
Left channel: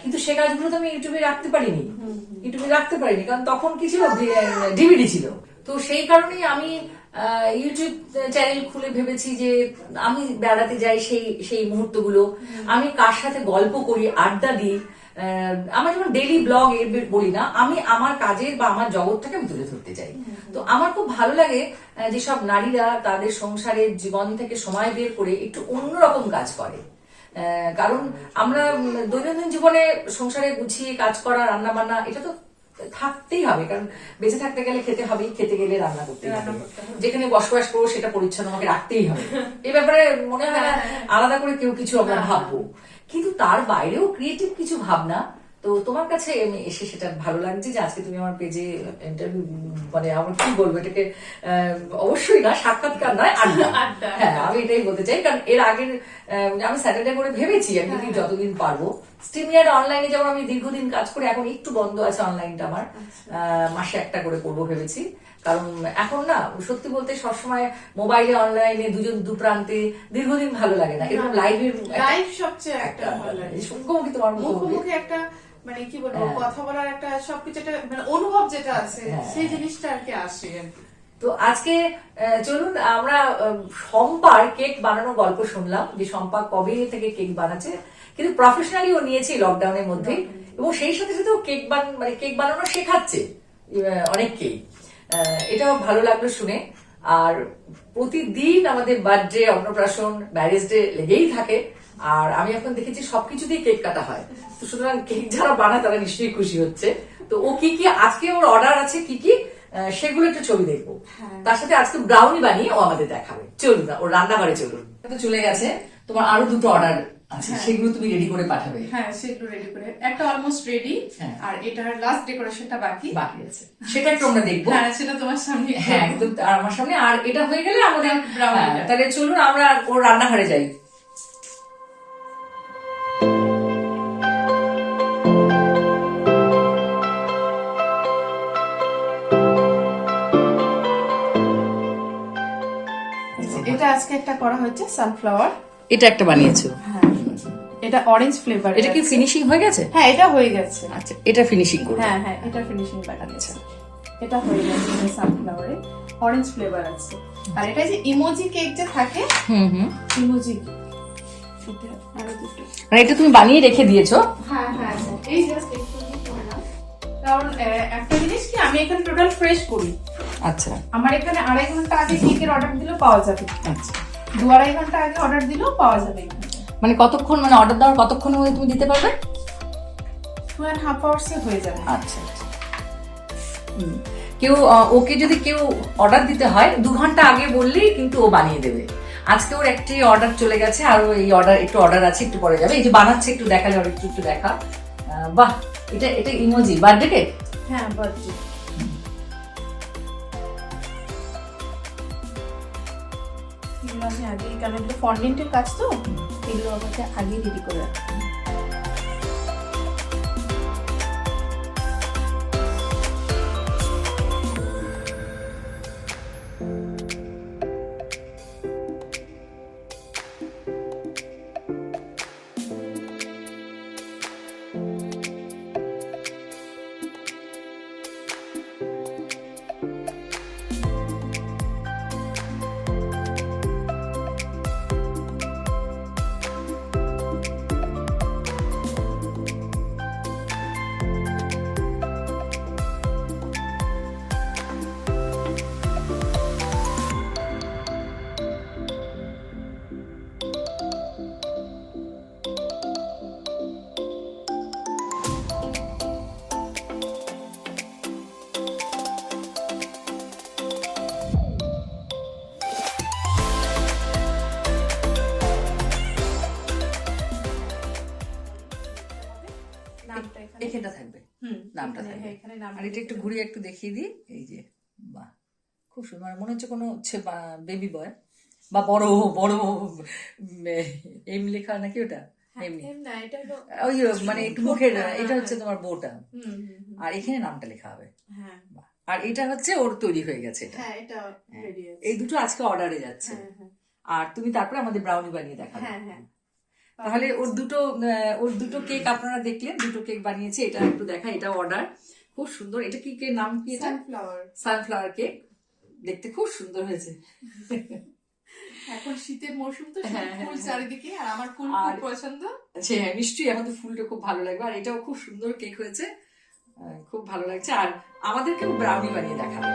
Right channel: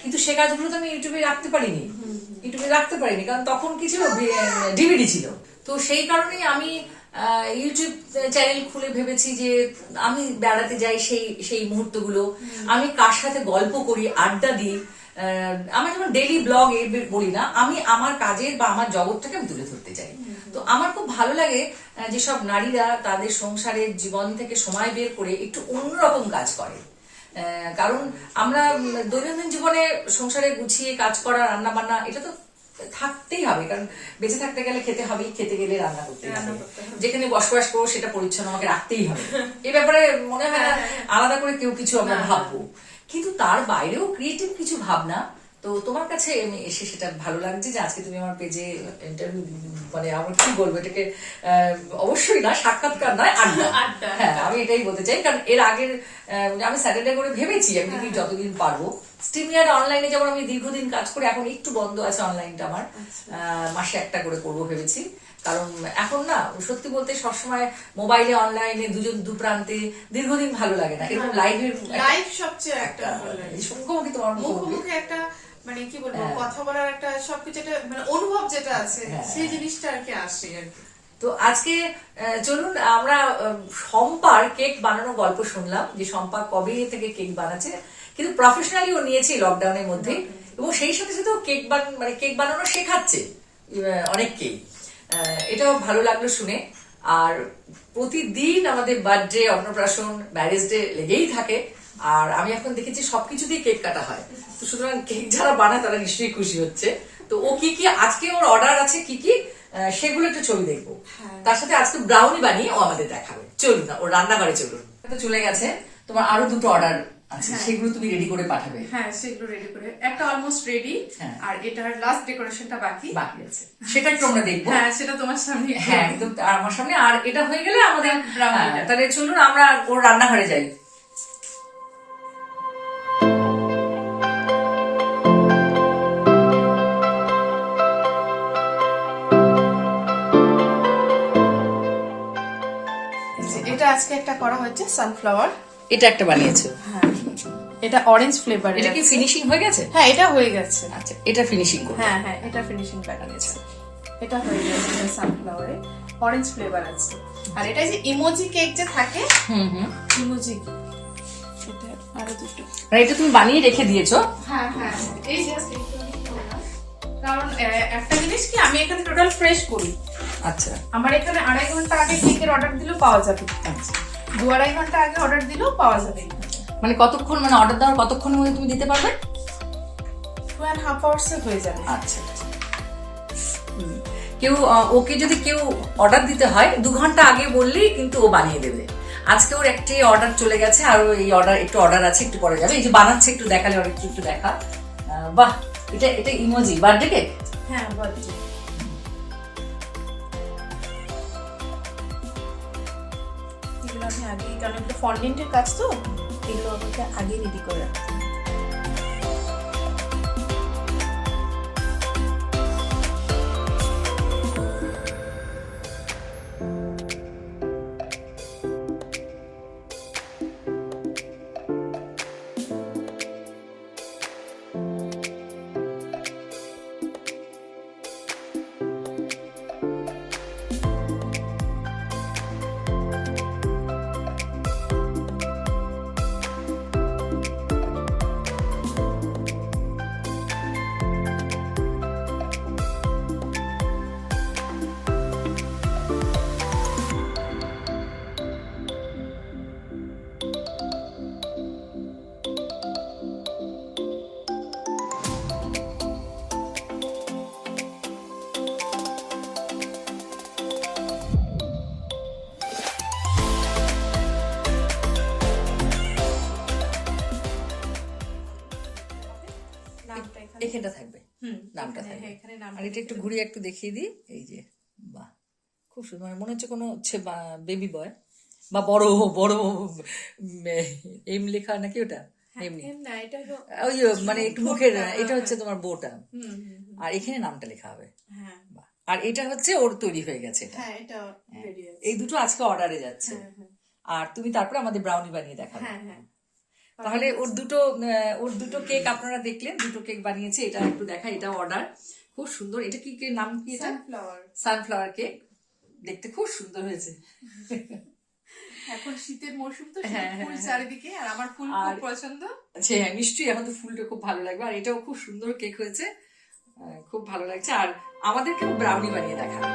কিন্তু সে কাজগুলো তো আমি ইউটিউবে রাখতে পারিনি, কারণ তখন কি ছিল, ডিভিডি ছিল। তো সেই কারণেই আমি ইউটিউব চ্যানেল খুলে ভেবেছি যে আমি বেড়াতে যাই, সেই মুহূর্তগুলো আমি কার সাথে গল্প করি, আড্ডা দিই। আমার যেমন ডেইলি ব্লগ বলি না, আমি আমার কাজের বা আমার জগৎটাকে আমি তুলে ধরতে চাই। তো আমার খুব ভালো লাগে যেসব নারীরা তাদের সংসারের জীবন থেকে সময় বের করে একটু অন্যরকম কাজ করে। কারণ আমরা দৈনন্দিন জীবনে সংসারে গুছিয়ে কাজ করা, রান্না বান্না, এটা তো থাকতেই হবে, কারণ বেঁচে থাকতে গেলে খেতে হবেই, খেতে গেলে রান্না করতে রান্না হবে, করতে হবে। যেখানে বসবাস করবো সেটা পরিচ্ছন্ন আমাকে রাখতেই হবে। এ ব্যাপারে মনে হয় না আলাদা করে কেউ কিছু আমরা ভাববো, কিন্তু তার বাইরেও ক্রিয়েটিভ কিছু ভাবনা। তো তোমার কাছে এসে সেটা ভালো লাগছে যে আজকে তুমি আমার পেজে ইন্টারভিউ, মানে আমার কি বলবো এটাকে, অবশ্যই না সাক্ষাৎকার নয়, আড্ডা। আড্ডা। হ্যাঁ, আমি এটাই বলতে চাই, কারণ এর আগের আমি স্যাটারডে করে ভেবেছি আমি যদি যতদিন পারবো স্ট্রিমইয়ার্ড অনলাইনে, যেমন আমি দীর্ঘদিন কাজ করে, এখন একটু বন্ধ আছে অনলাইনটা আমার, মাসে একটা করে করবো ভেবেছি। কারণ এখন না সত্যি বলতে সবসময় মোবাইলে অনলাইনে দুজন দুপ্রান্তে দীর্ঘদিন ভালো লাগে না, এরকম লাইভের লাইভ সবচেয়ে একটা ভালো লাগে। মুখোমুখি তোমার মুখোমুখি মুখোমুখি একটা মানে কি বলবো, কথা বলার একটা সবকিছু একটা মানে অনুভব যেটা আছে সেই জিনিসটা আর কি আসে আর কি। তো আজকে চলুন আমরা শম্পার কেক বানানোর গল্প শুনলাম, যে শম্পা কবে থেকে কেক বানাচ্ছে, কিন্তু প্রফেশনালি ও নিয়েছে লকডাউনের মধ্যে, এবং সেই সাথে সাথে মানে কেক বানানো শেখাচ্ছে অনেককেই। এটাও ভালো লাগলো শুনে। আর প্রতিদিন আমাদের বার্থডে, অন্নপ্রাশন, ম্যারেজ ডে লেগেই থাকে, আর আমি এখন দেখেছি সবকিছুতেই কেক কাটা হয়, তো সুতরাং কেক যারা বানায় তারা নিশ্চয়ই খুশি হচ্ছে। তো ও কি কি আজকে ওর অর্ডার আছে কি কি সেগুলো একটু ছবি দেখবো, তার সাথে আজকে ব্রাউনি বানিয়ে ও আমাদের দেখাবে। চলুন না, ওর রান্নাঘরে চলুন। তো চলে গেছে, তোমার আরো দুটো অর্ডার আছে, সেগুলো তুমি রেডি করে পাঠাবে। হ্যাঁ, সেগুলো রেডি করে, একটা অলমোস্ট রেডি, হ্যাঁ। আর এটার লাস্ট ডেকোরেশনটা বাকি আছে, সেটা একটু আমরা দেখবো। হ্যাঁ, সেটা তোমার সামনে। হ্যাঁ, একদম আমার সামনে। আর এটা হয়ে গেলে আমাদের ব্রাউনি। তাহলে চলুন আমরা ওর রান্নাঘরে যাই। এটা আজকে একটা করা হচ্ছে সানফ্লাওয়ার। এটা একটা বানিয়েছো? হ্যাঁ, এটা অরেঞ্জ ফ্লেভার। এটা কি ফিনিশিং হয়ে গেছে? হ্যাঁ, এটা হয়ে গেছে। আচ্ছা, এটা ফিনিশিং করবে? হ্যাঁ হ্যাঁ, এটা ফিনিশিং প্যাটার্ন আছে, এটা হয়ে গেছে। সানফ্লাওয়ারে অরেঞ্জ ফ্লেভার আছে। আর এটা যে ইমোজি কেক যে থাকে, ইমোজি, এটা আরো দুটো। মানে এটা তুমি বানিয়ে রেখে দিয়েছো? হ্যাঁ হ্যাঁ, এই জাস্ট একটু করলাম, কারণ একটা জিনিস কি, আমি এখানে টোটাল ফ্রেশ করি। আচ্ছা, আমার এখানে 2.5 ঘন্টা আগে কেকের অর্ডার দিলেও পাওয়া যাবে। আচ্ছা, 2-2.5 ঘন্টা আগে অর্ডার দিলেও পাওয়া যাবে। মানে কতক্ষণ, মানে অর্ডার দেওয়ার কতক্ষণের মধ্যে তুমি দিতে পারবে? 2.5 hours হয়ে যাবে। আচ্ছা, কেউ ওকে যদি কেউ অর্ডার দিতে হয় 2 ঘন্টা আগে বললেই কিন্তু ও বানিয়ে দেবে। আজকে ওর একটি অর্ডার চলে গেছে, আর এই অর্ডার আছে, একটু পরে যাবে। এই যে বানাচ্ছে, একটু দেখালে আর একটু দেখা। বাহ, এটা ইমোজি বার্থডে কেক? হ্যাঁ, বার্থডে। এগুলো আমি আগেই, কারণ এটা ফন্ডেন্টের কাজ তো, এগুলো আমাকে আগে রেডি করে রাখতে হবে। এখানটা থাকবে, নামটা থাকবে। আর এটা একটু ঘুরিয়ে একটু দেখিয়ে দিই। এই যে, বাহ, খুব সুন্দর, মনে হচ্ছে কোনো হচ্ছে বেবি বয় বা বড় বড় এম লেখা নাকি ওটা, এমনি ওই মানে একটু মুখের, এটা হচ্ছে তোমার বউটা, আর এখানে নামটা লেখা হবে। আর এটা হচ্ছে ওর তৈরি হয়ে গেছে। এই দুটো আজকে অর্ডারে যাচ্ছে, আর তুমি তারপরে আমাদের ব্রাউনি বানিয়ে দেখাবে। তাহলে ওর দুটো কেক আপনারা দেখলেন, দুটো কেক বানিয়েছে। এটা একটু দেখা, এটা অর্ডার, খুব সুন্দর। এটা কি নাম কি? এটা সানফ্লাওয়ার কেক, দেখতে খুব সুন্দর হয়েছে। এখন শীতের মৌসুম তো, ফুল চারিদিকে, আর আমার ফুল খুব পছন্দ। আচ্ছা, হ্যাঁ, নিশ্চয়ই এখন তো ফুলটা খুব ভালো লাগবে। আর এটাও খুব সুন্দর কেক হয়েছে, খুব ভালো লাগছে। আর আমাদেরকে ব্রাউনি বানিয়ে দেখাবে।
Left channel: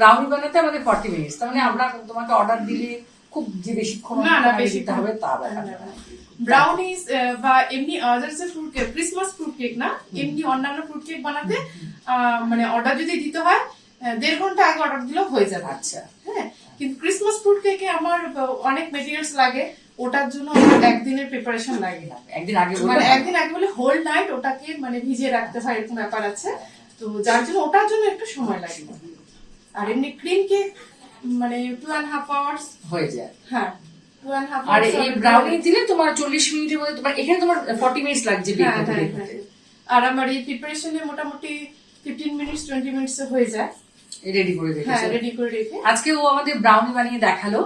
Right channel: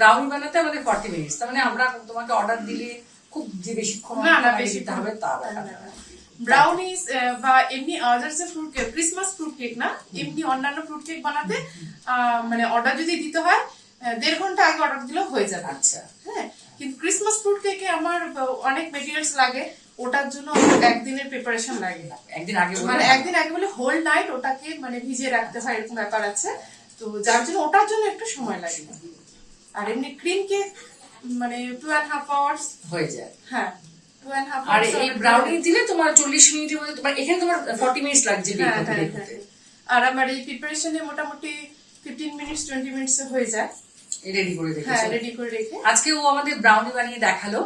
ব্রাউনি বানাতে আমাদের 40 মিনিটস, তার মানে আমরা তোমাকে অর্ডার দিলে খুব যে বেশিক্ষণ না, আগে বেশি দিতে হবে তা ব্যাপার না। ব্রাউনিস বা এমনি আদার যে fruit cake, Christmas fruit cake না, এমনি অন্যান্য ফ্রুট কেক বানাতে মানে অর্ডার যদি দিতে হয় 1.5 ঘন্টা আগে অর্ডার দিলেও হয়ে যাবে। আচ্ছা, হ্যাঁ, কিন্তু ক্রিসমাস ফ্রুট কেকে আমার অনেক মেটেরিয়ালস লাগে, ওটার জন্য আমার একদিনের প্রিপারেশন লাগে। একদিন আগে মানে একদিন আগে বলে হোল নাইট ওটাকে মানে ভিজিয়ে রাখতে হয়, এরকম ব্যাপার আছে। তো যার জন্য ওটার জন্য একটু সময় লাগে। আর এমনি ক্রিম কেক মানে 2.5 আওয়ার্স হয়ে যায়। হ্যাঁ, 2.5 আর hours এই ব্রাউনি দিলে তোমার 40 মিনিটের মধ্যে, তোমার এখানে তোমার 40 মিনিটস লাগছে বেক হ্যাঁ, করতে। হ্যাঁ, হ্যাঁ। আর আমার এই প্রিপারেশনে মোটামুটি 15 মিনিটস 20 মিনিটস হয়ে যায়। রেডি করে হ্যাঁ, রেখেছো। রেডি করে রেখে আজকে ও আমাদের ব্রাউনি বানিয়ে দেখালো,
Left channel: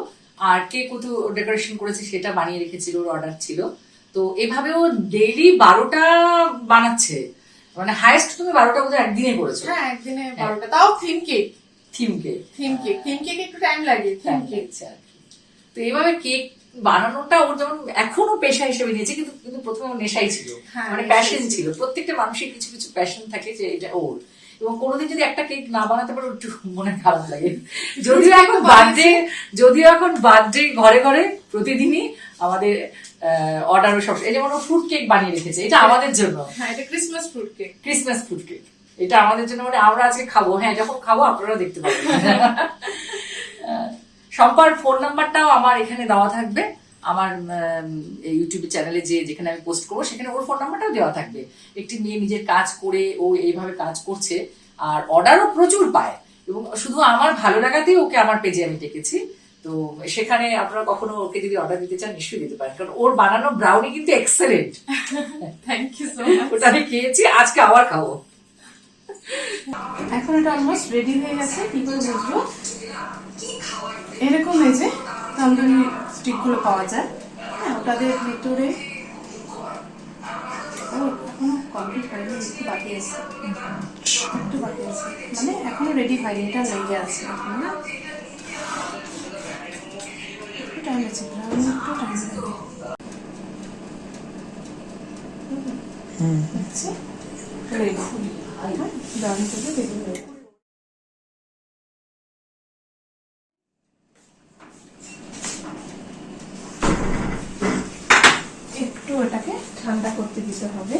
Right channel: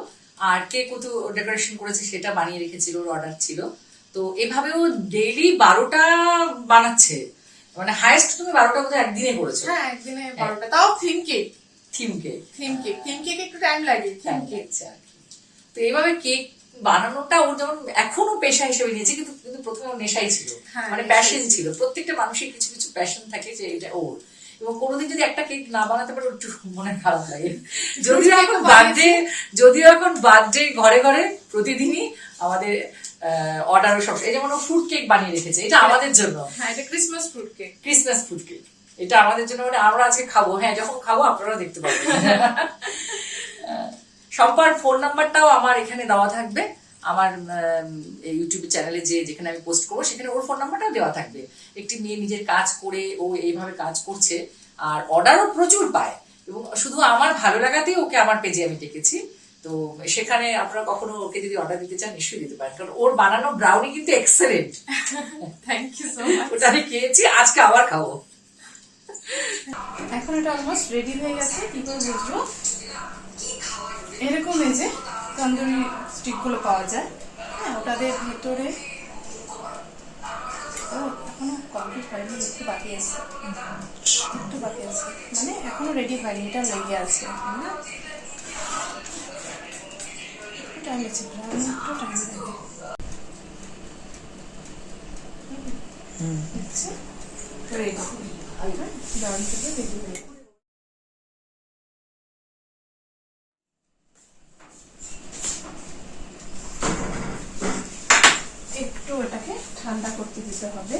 আর কেক ও তো ডেকোরেশন করেছে সেটা বানিয়ে রেখেছিল, ওর অর্ডার ছিল। তো এভাবে ও ডেইলি 12টা বানাচ্ছে, মানে হাইয়েস্ট তুমি 12টা বোধহয় একদিনে করেছো। হ্যাঁ, একদিনে 12টা, তাও theme cake. Theme cake theme cake একটু টাইম লাগে, থিম কেক। তো এইভাবে কেক বানানোটা ওর যেমন এখনো পেশা হিসেবে নিয়েছে, কিন্তু কিন্তু প্রথমে ওর নেশাই ছিল, হ্যাঁ, মানে নেশাই প্যাশন ছিল। ছিল। প্রত্যেকটা মানুষের কিছু কিছু প্যাশন থাকে যে এটা ওর, এবং কোনোদিন যদি একটা কেক না বানাতে পারে ওর একটু মনে খারাপ লাগে। যদিও এখন বার্থডে ঘরে ঘরে প্রতিদিনই আমাদের অর্ডার সব, এই যেমন ফ্রুট কেক বানিয়ে রেখেছে, এটা আমাদের জন্য। হ্যাঁ, এটা Christmas fruit cake. Christmas fruit cake এটা আমাদের জন্য, মানে আমরা আজকে খাবো। হ্যাঁ, যখন খাবো আপনারাও দেখতে পাবেন। সম্পার ফোন নাম্বারটাও আমার এখানে দেওয়া থাকবে, আমার ইউটিউব চ্যানেলে যেখানে আমি পোস্ট করবো সেখানে ওর ফোন নাম্বারটাও দেওয়া থাকবে। একটি মেয়ে নিজের কাজ করে ও এইভাবে কাজ করছে, আর অর্ডারও প্রচুর পায়, এবং শুধু আমার ভালো লাগাতেই ওকে আমার পেজে আমি ডেকেছি। তো সেখানে আপনারা কখনো ওকে যদি অর্ডার দিতে চান নিশ্চয়ই দিতে পারেন, কারণ ওর বানানো ব্রাউনি কিন্তু excellent. Thank you so much. ওটা আমি খেয়েছি, আজকে আবার খাবো। এখন এটা অলমোস্ট রেডি হয়ে গেছে। কি করে বুঝবো? এরকম এই যে তন্দুরি স্টিক গুলো পাওয়া যায়, হ্যাঁ, ওটাদের ভেতরে এখনো কমপ্লিট হয়নি, একটু বাকি আছে, মানে এখনো রেডি হয়নি, এটা লেগে আছে এখন, না? একটু টাইম আছে, একটু টাইম লাগে। আচ্ছা, রেডি, দাম থেকে রেডি হয়ে গেছে। একটু এটাকে ঠান্ডা করতে দিতে হবে।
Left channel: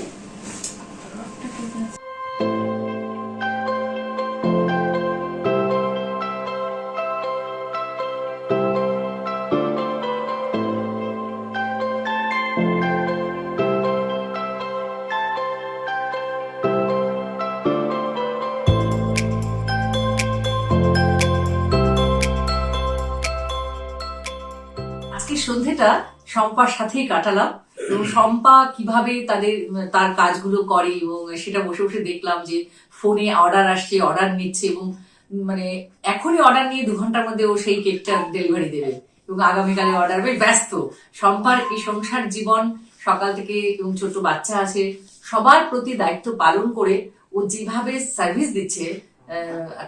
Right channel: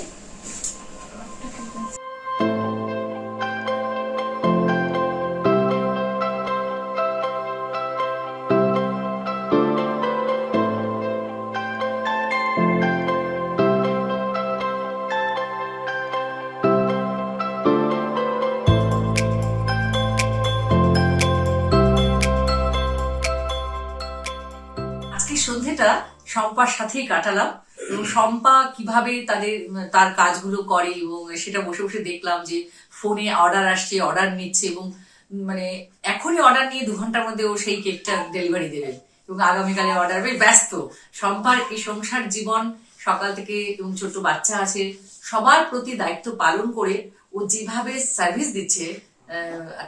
আজকে সন্ধ্যেটা শম্পার সাথেই কাটালাম, এবং শম্পা কিভাবে তার কাজগুলো করে, এবং সেটা বসে বসে দেখলাম যে ফোনে অর্ডার আসছে, অর্ডার নিচ্ছে, এবং মানে এখনই অর্ডার নিয়ে 2 ঘন্টার মধ্যে ও সেই কেকটা ডেলিভারি দেবে, এবং আগামীকালে অর্ডার হবে। ব্যস্ত শম্পার এই সংসার জীবন, সকাল থেকে, এবং ছোট বাচ্চা আছে, সবার প্রতি দায়িত্ব পালন করে ও যেভাবে সার্ভিস দিচ্ছে,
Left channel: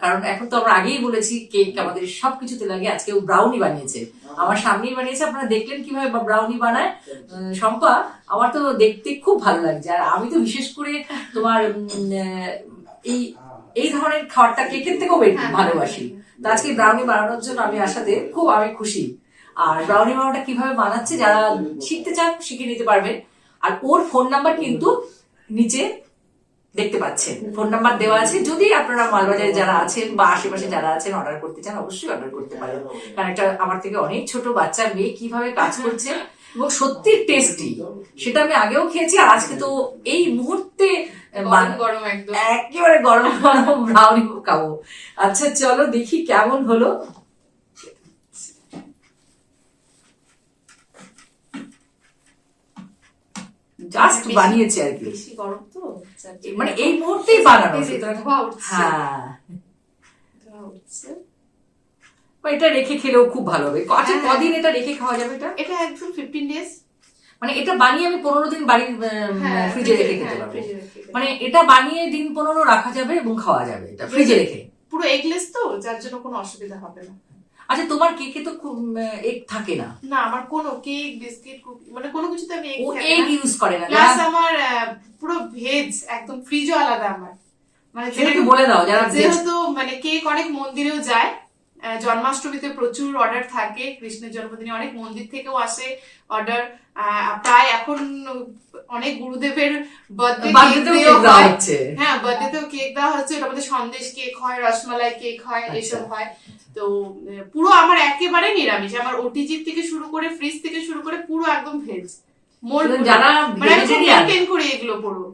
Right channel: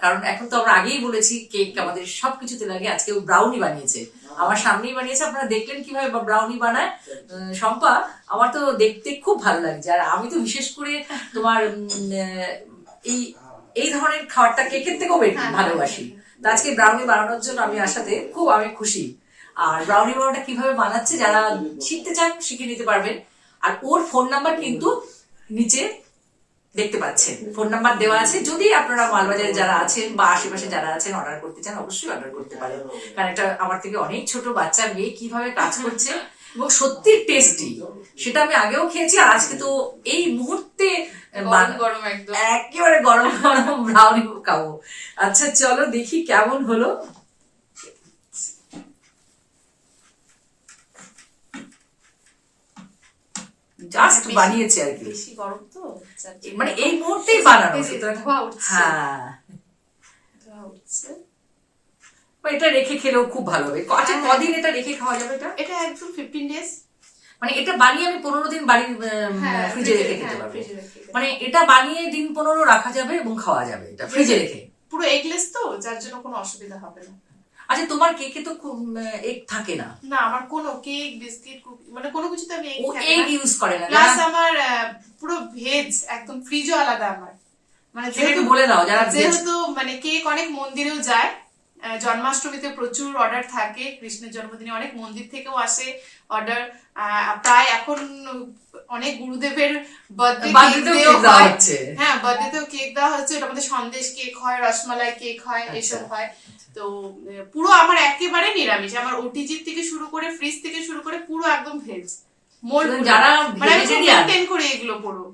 কারণ এখন তো আমরা আগেই বলেছি কেক আমাদের সবকিছুতে লাগে। আজকে ও ব্রাউনি বানিয়েছে, আমার সামনেই বানিয়েছে, আপনারা দেখলেন কিভাবে ব্রাউনি বানায় শম্পা। আমার তো দেখতে খুব ভালো লাগছে, আর আমি তো বিশেষ করে তোমার এই ধরনের খাবারটা কেকের থেকেও ভালোবাসি। তো আজকে ব্রাউনি বানানোর জন্য আমি আসাতে আমি খুশি। আর ব্রাউনি বানানোটা কিভাবে বানাচ্ছে যারা শিখতে চান শিখে নিতে পারবেন। আর ওর ফোন নাম্বার কিন্তু নিচে দেখতে পাচ্ছেন, ফোন নাম্বার দেওয়া আছে। যদি আপনারা মালবাজারে যারা আছেন বা আশেপাশে যারা আছেন অর্ডার করতে চান, অবশ্যই অর্ডার করতে পারেন, কারণ এটা আমার থেকে অনেক ছোট বাচ্চা মেয়ে কিভাবে কাজ করছে, এবং সত্যি টেস্টি। সেটা আমি আগেও খেয়েছি, আর আজকে তো এই মুহূর্তে গরম একদম একেবারে গরম গরম ব্রাউনি খাবো। আচ্ছা চলো দেখি কেমন হলো। জাস্ট বানিয়েছে আর কি, বেশি গরম তো, মানে এই মুহূর্তেই বানানো। হ্যাঁ, এটা রেখে খেলেও খুব ভালো হবে। আচ্ছা কদিন এটা রেখে খাওয়া যাবে? এটা একদম 15 ডেজ, মানে এটা বানিয়ে আমি 15 দিন বাড়ির ফ্রিজে রেখে খেতে পারবো। মানে এটা বানিয়ে দিন 15 রাখা যাবে এবং খাওয়া যাবে এটা ফ্রিজে রেখে। পুরো এগলেস তো, যার জন্য কোনো অসুবিধা হবে না। আচ্ছা তোমার কেকে তো এগ থাকে না? না, আমার কোনো কেক, বিস্কিট, মানে কোনো কিছুতে আমি এগ ইউজ করে না। প্লাস আমার পুরো ভেজ, একদম ফ্রিজও আলাদা আমার, মানে সেটা একটু বলে দাও যারা যেহেতু মানে কেক অনেক মন্দিরেও যায়, জন্মাষ্টমীতে প্রচুর অর্ডার থাকে, কৃষ্ণের জন্মদিনে অনেক মন্দির থেকেও আসে অর্ডার। প্রায় এখন অনেক গুরুদেবের বার্থডে কেক দেওয়া হয়। হ্যাঁ, বার্থডেতেও কেক দেওয়া হচ্ছে, ওটা আমাদের সন্দেশ কেক হয়, রসমালাই কেক হয়, এসব হয়। তো পুরো আমার একেবারে নিরামিষ, আমার ওটিজি থেকে শুরু করে ফ্রিজ থেকে শুরু করে পুরো একদম ভেজ। যারা মানে আমি খুব মেনটেন করি এগুলো পুরো।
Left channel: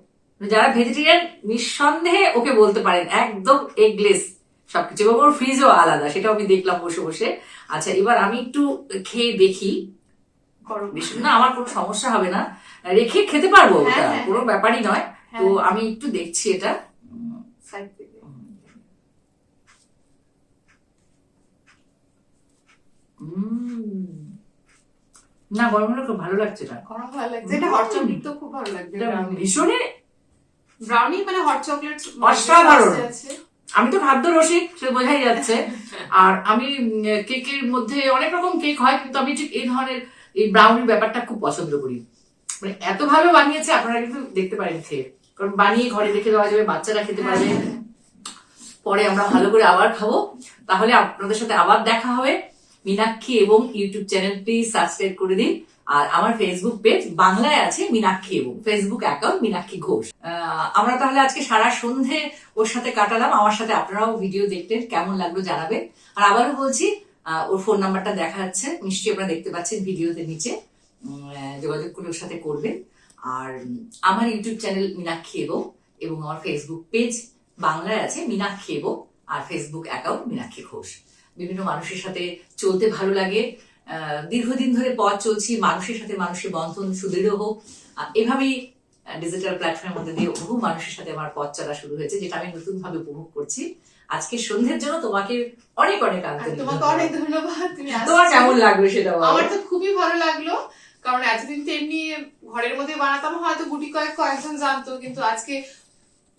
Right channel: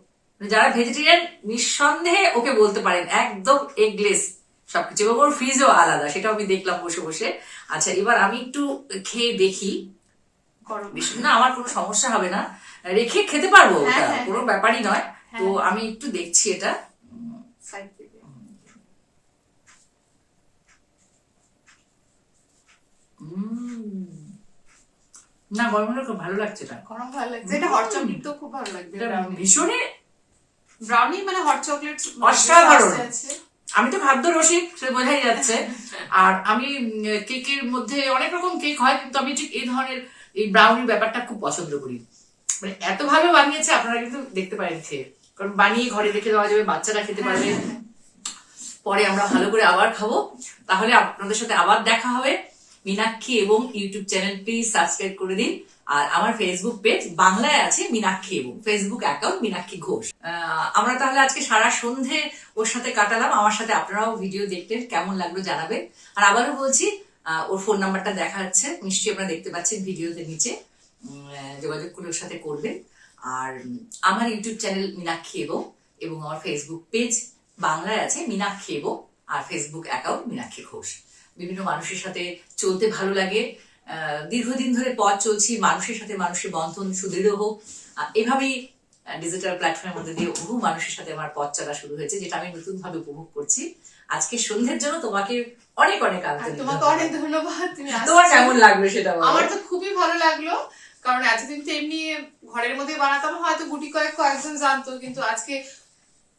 যারা ভেজিটেরিয়ান নিঃসন্দেহে ওকে বলতে পারেন একদম এগলেস সবকিছু, এবং ওর ফ্রিজও আলাদা, সেটাও আমি দেখলাম বসে বসে। আচ্ছা, এবার আমি একটু খেয়ে দেখি। না, আমার কোনো সমস্যা হবে না, রেখে খেতে পারবো, ওটা কোনো ব্যাপারই নয়। তো আমি একটু দেখছি এটা। না, গরম হলে খুব ভালো লাগছে, এটা গরম ভালো লাগছে। এটা হট চকলেট তো খুব ভালো লাগবে, ভীষণই ব্রাউনি মানে হট চকলেট অসাধারণ। আমি তো খাদ্য রসিক, সে বোঝাই যাচ্ছে। আর আমি কেকের মধ্যে অনেক রকম কেক হয়, কিন্তু আমি ঠিক এই ধরনের এই ব্রাউনি ব্যাপারটা খুব পছন্দ করি। মানে এত ভালো বানিয়েছে, আপনারা কিন্তু দেখতে পারেন খেয়ে, কারণ বানিয়ে ঘরে রেখে দেওয়া যাবে, বাচ্চারা খেতে পারবে, পরে আমরা ভালো করে আবার খাবো। তাহলে আপনাদের সাথে আবার দেখা হবে। মীনাক্ষী এবং ইউটিউব চ্যানেল প্লিজ সাবস্ক্রাইব করে দিন। আর আমার ফেসবুক পেজ বাংলায় আছে মীনাক্ষী, এবং ফেসবুক অ্যাকাউন্ট মীনাক্ষী ঘোষ। আমরা তাহলে আজকে সারা সন্ধে ওর সাথে কাটালাম। আমার সাথে আপনারাও ভিডিও দেখলেন, কেমন লাগলো জানাবেন। আর আবারও বলছি, ওর ফোন নাম্বারটা দেখা যাচ্ছে, নিশ্চয়ই আপনারা দেখতে পাচ্ছেন ভিডিওতে নিচে, যোগাযোগ করে ওর সাথে করবেন। আর আমার ইউটিউব চ্যানেল মীনাক্ষী এবং আমার ফেসবুক পেজ বাংলায় আছে মীনাক্ষী, আর ফেসবুক অ্যাকাউন্ট মীনাক্ষী ঘোষ। বিভিন্ন মানুষের সাথে চলতে ভালো লাগে, দীর্ঘদিন ধরে পথ চলছি, মানুষের সাথে মানুষের বন্ধন সুদৃঢ় হোক, এভাবেই ডিজিটাল প্ল্যাটফর্মের মধ্যে দিয়ে বহু মানুষের সাথে আমার পথ চলা শুরু হয়েছে, যেটা আমি নতুন ভাবে উপভোগ করছি। আজকে সন্ধ্যের জন্য তোমাকে অনেক অনেক আন্তরিক তোমাকে অনেক ধন্যবাদ। তোমার কেমন লাগলো সেটা বলো। আমার তো খুবই ভালো লাগলো, কারণ এতদিন তো এমনি ঘরের মধ্যে বানাতাম, হয়তো গুটি কয়েকজন জানতো, কিন্তু আজকে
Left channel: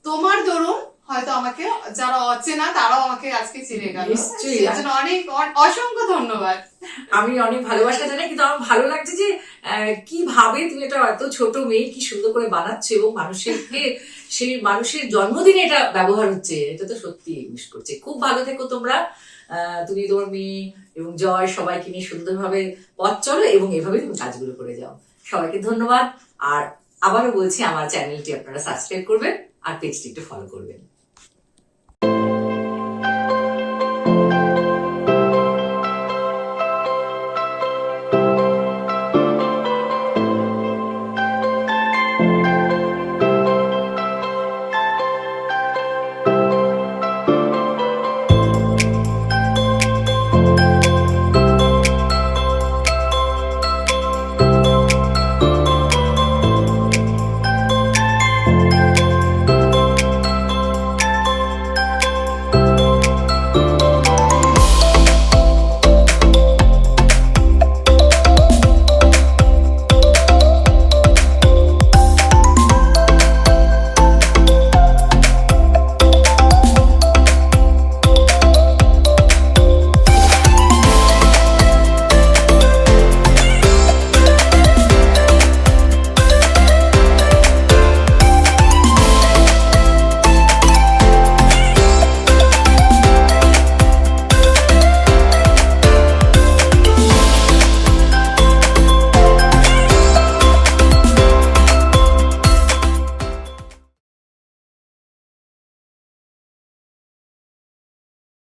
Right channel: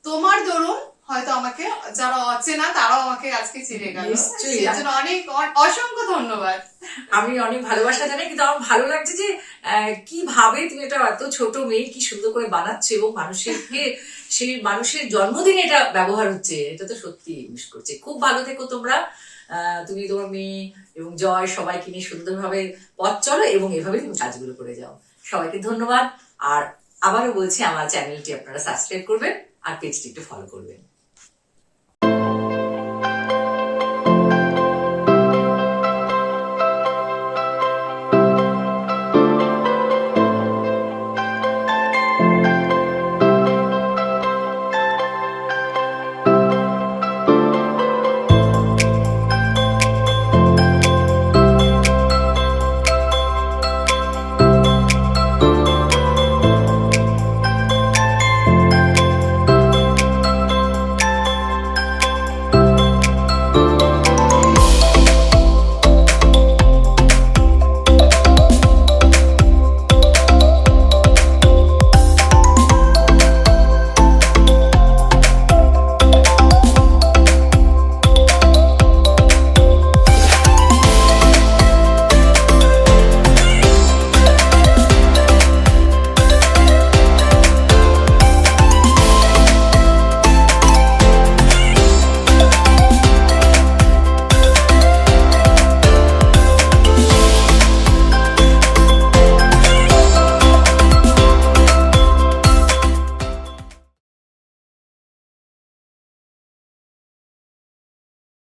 তোমার দরুন হয়তো আমাকে যারা অচেনা তারাও আমাকে আজকে চিনে গেল, সেজন্য অনেক অসংখ্য ধন্যবাদ। আমি অনেক ভালোবাসা জানাই, কিন্তু আমার ভালো লাগছে যে কিভাবে তুমি এটা এত ছোট মেয়ে কি সুন্দর করে বানাচ্ছ, এবং সেই মানুষের জন্মদিনে এটা ব্যবহার হচ্ছে, এটা তো সত্যি মিস করছে। খুব ভালো থেকো তোমরা, তুমি তোমার মেয়ে এবং জয় সবাইকে নিয়ে সুন্দরভাবে পথ চলো, এবং এভাবে তুমি কাজগুলো করে যাও। সবাইকে ধন্যবাদ। আর আবারও বলছি, আমার চ্যানেলটি আপনারা সাবস্ক্রাইব করবেন আর পেজটি একটু ফলো করবেন।